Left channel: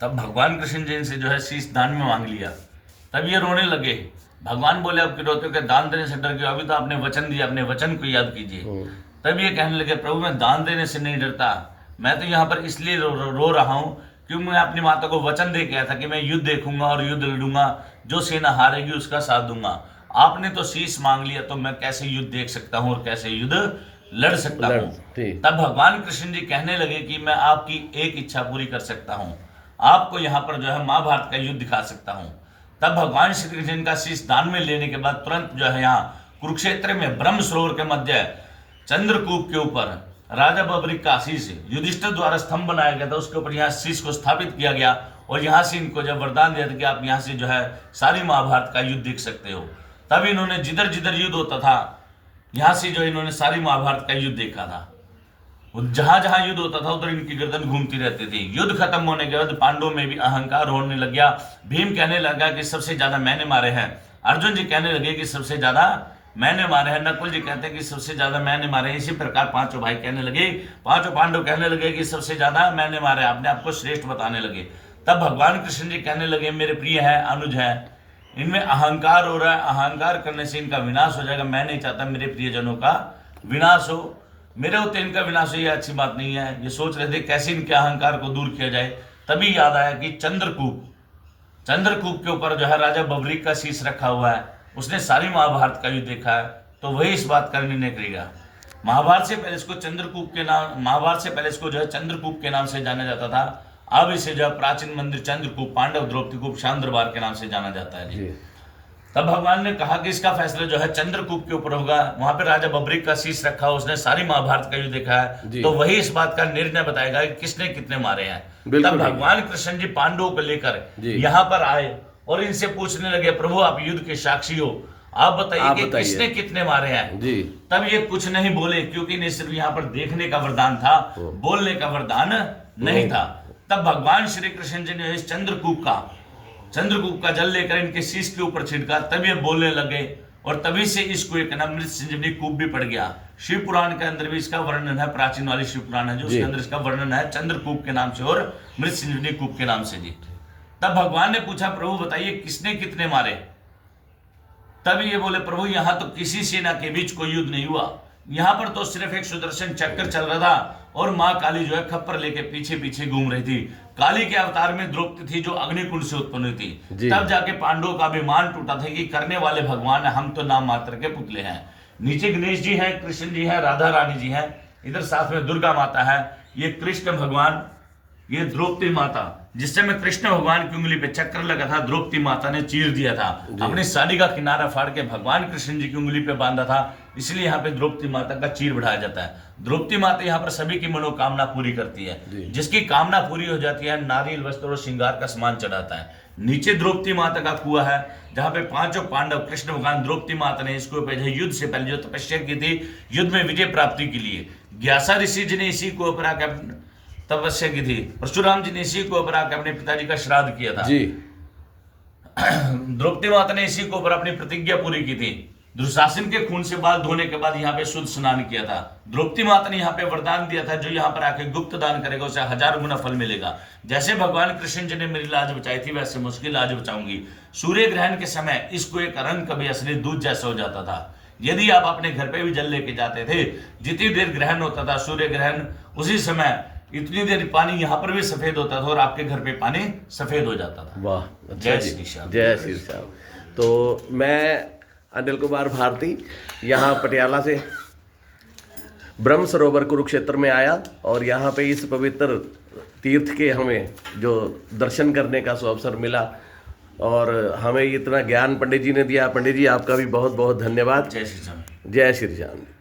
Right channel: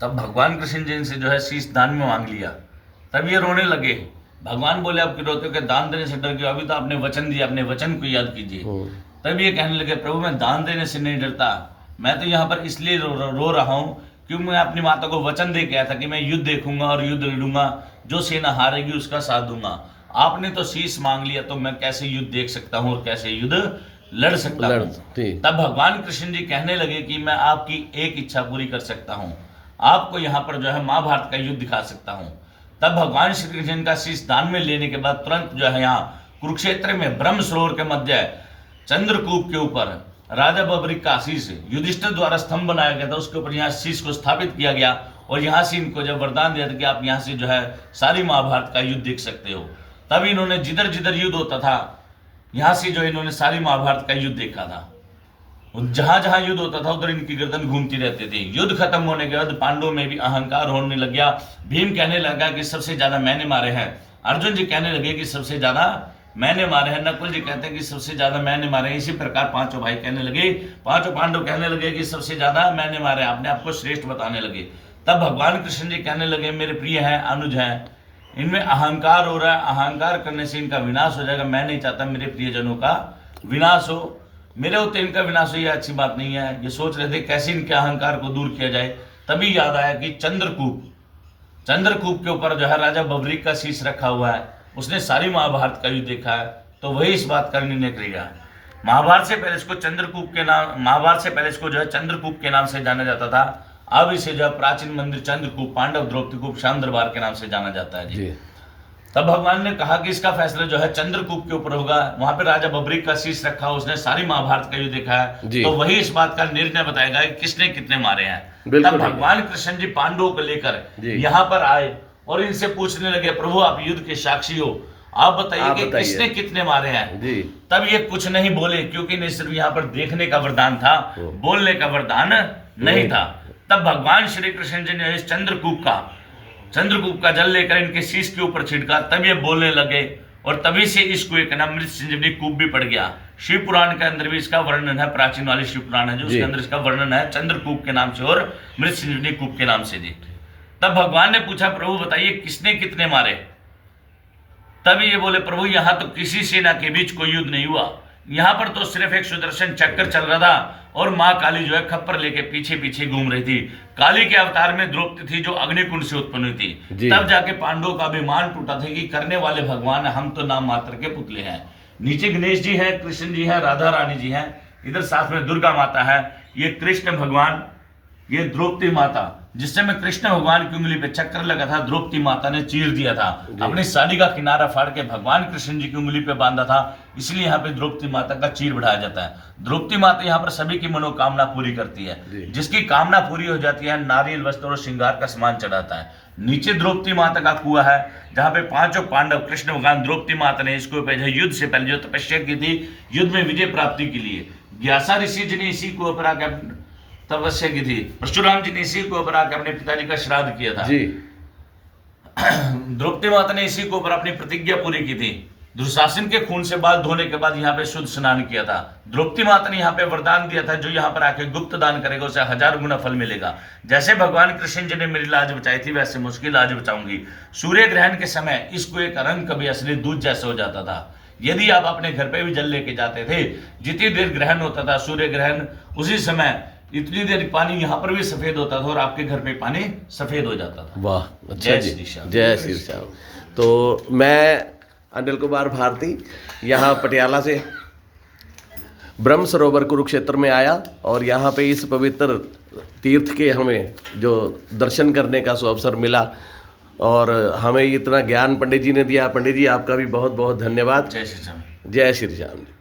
तब भगवान कृष्ण जी से जो है शीश दान में मांग लिया। तब ये रोने लगे। भगवान बोले अब क्यों रोते हो? कि दान देने से डर गए, अभी तो आपने वचन दिया, अपने वचन को याद कीजिए। तब ये कहने लगे प्रभु मैं दान देने से नहीं डरता, मैं तो यहाँ पर इसलिए रो रहा हूँ क्योंकि मैं अपनी माता को वचन दे के आया था कि मैं युद्ध देखूंगा और युद्ध लड़ूंगा, जो सेना हारेगी उसका साथ दूंगा। आपने तो शीश मांग लिया, तो मैं कैसे युद्ध देख सकता हूँ और कैसे युद्ध लड़ सकता हूँ? तब भगवान कृष्ण जी कहने लगे कि मैं आपकी एक इच्छा पूरी कर सकता हूँ, आपको यहाँ पर जो है महाभारत का युद्ध दिखा सकता हूँ। तब भगवान श्री कृष्ण का शीश दान में लेने के बाद तुरंत जो है यहाँ कुरुक्षेत्र में ब्रह्म सरोवर के मध्य चंद्रकूप के ऊपर राजा बबरी का शीश युधिष्ठिर द्वारा स्तंभ बनाया गया था, उसके ऊपर यहाँ शीश को स्थापित किया गया और यहाँ से इनको जब वरदान दिया था कि आप यहाँ से जो है सारी महाभारत का युद्ध देख सकते हो। तब इन्होंने जिधर जिधर युद्ध होता था यहाँ से जो इन्होंने सारी महाभारत का युद्ध देखा था। जहां जहां युद्ध होता था उधर इनकी गर्दन घूमती रहती थी। युद्ध खत्म होने के बाद पांडवों में भी अहंकार होने लग गया। भीम कहने लगा कि सबसे ज्यादा मैंने मारे हैं, अर्जुन जी कहने लगे कि सबसे ज्यादा मैंने मारे हैं, नकुल जी कहते हैं कि सबसे ज्यादा मैंने मारे हैं। इसी प्रकार पांचों भाई कहने लगे, पांचों पांडव कहने लगे कि सबसे ज्यादा मैंने मारे, अपने आप को श्रेष्ठ बताने लगे। तब भगवान कृष्ण जी कहने लगे मेरे प्रिय है, अनुज है, इनमें अहंकार हो रहा है, अहंकार करने से इनका विनाश हो जाएगा। मैं नहीं चाहता मेरे प्रियजनों का विनाश हो, मेरे होते इनका विनाश हो, यह अच्छी बात नहीं है। ये सोच रहे थे कैसे इनके अहंकार को दूर किया जाए। तभी याद आया कि चंद्रकूप के ऊपर जो है राजा बबरीक का शीश रखा हुआ है, उसने सारी महाभारत का युद्ध देखा है, तो वही इस बात का निर्णय करेगा। महाभारत से पहले इसको जो है चंद्रकूप के नाम से जाना जाता था। अब इसे जो प्राचीन मंदिर चंद्रकूप, पांडव द्रौपदी कूप, श्याम दरबार के नाम से जाना जाता है जी। तब भगवान ने कहा कि इसका फैसला जो है चंद्रकूप के ऊपर होगा। वहां पे राजा बबरीक का शीश रखा, उसने सारी महाभारत का युद्ध देखा है, तो वही इस बात का निर्णय बताएगा कि किसने कितने मारे हैं। तब भगवान कृष्ण जी पांडवों को लेकर यहाँ पर आए और इनसे पूछने लगे प्रभु आप युद्ध के साक्षी हो, आप बताइए कि किसने कितने मारे हैं। तब ये कुछ नहीं बोले क्योंकि इन्हें सिर्फ यहाँ पर देखने का वरदान था, बोलने का वरदान नहीं था। तब भगवान श्री कृष्ण जी ने इस चंद्रकूप का जल लेकर इनके शीश के ऊपर छिड़का, तब ये बोलने लगे और तभी से इस कुएं का नाम मृत संजीवनी कूप भी पड़ गया। शिव पुराण के अंदर भी इसका वर्णन है, प्राचीन वाली शिव पुराण है जो उसके अंदर इसका वर्णन है चंद्रकूप के नाम से और मृत संजीवनी कूप के नाम से जी। तब भगवान ने पूछा प्रभु बताइए किसने कितने मारे? तभी ये बोले प्रभु यहाँ तो किसी सेना के बीच कोई युद्ध नहीं हुआ, यहाँ पर तो सिर्फ एक सुदर्शन चक्र चल रहा था और माँ काली जो है खप्पर लेके पीछे पीछे घूम रही थी। काली के अवतार में द्रौपदी थी जो अग्निकुंड से उत्पन्न हुई थी। तब जाके पांडवों का अभिमान टूटा था कि करने वाले भगवान हम तो नाम मात्र के पुतले हैं। नीचे गणेश जी हैं, कृष्ण जी हैं, राधा रानी जी हैं, इधर साथ में दुर्गा माता है, ये कृष्ण भगवान, ये द्रौपदी माता, जिससे में कृष्ण भगवान की उंगली पे चक्कर लगा था, द्रौपदी माता ने चीर दिया था, अपनी साड़ी का किनारा फाड़ के भगवान कृष्ण जी की उंगली पे बांधा था, इसलिए यहाँ पे द्रौपदी माता का चीर बढ़ाया जाता है। द्रौपदी माता यहाँ पर सभी की मनोकामना पूरी करती है, जिसकी कामना पूरी हो जाती है नारियल वस्त्र और श्रृंगार का सामान चढ़ाता है। नीचे द्रौपदी माता का कुआं है जहाँ पे पांचों पांडव, कृष्ण भगवान, द्रौपदी माता ने इसको युद्ध से पहले जो तपस्या की थी, युद्ध में विजय प्राप्ति के लिए व्यासा ऋषि जी ने इसी को पर आकर तपस्या की थी, परशुराम जी ने इसी को ऊपर आकर अपने पिताजी का श्राद्ध किया था जी। द्रौपदी माता ने इसी को ऊपर अपनी प्रतिज्ञा पूरी की थी, दुशासन के खून से बाल धोने के बाद यहाँ पे शुद्ध स्नान किया था। द्रौपदी माता ने यहाँ पे वरदान दिया था जो यहाँ पर आके गुप्त दान करेगा उसे 1000 गुना फल मिलेगा। जैसे भगवान कृष्ण जी ने मेरी लाज बचाई थी वैसे मुश्किल लाज बचाऊंगी। सूर्य ग्रहण के समय इसको एक रंग कभी असली दूध जैसा हो जाता था। यदि आप अपने घर पे भी जल लेके जाते थे, जितनी देर ग्रहण होता था सूर्य ग्रहण, उसी समय इतनी देर पानी यहाँ पर भी सफेद होता था और आपके घर पे पानी सफेद हो जाता था। वाह, अच्छा जय श्री श्याम, जय श्री श्याम। तो मैं अनिल कुमार भारती यहाँ पटियाला से ब्रह्म सरोवर कुरुक्षेत्र में आया और यहाँ पे इस पवित्र तीर्थ के हमें जो दर्शन करने का अवसर मिला और हमें इतना ज्ञान पंडित जी ने दिया। पंडित जी आपका भी बहुत बहुत धन्यवाद। जय श्री श्याम। जय श्री श्याम।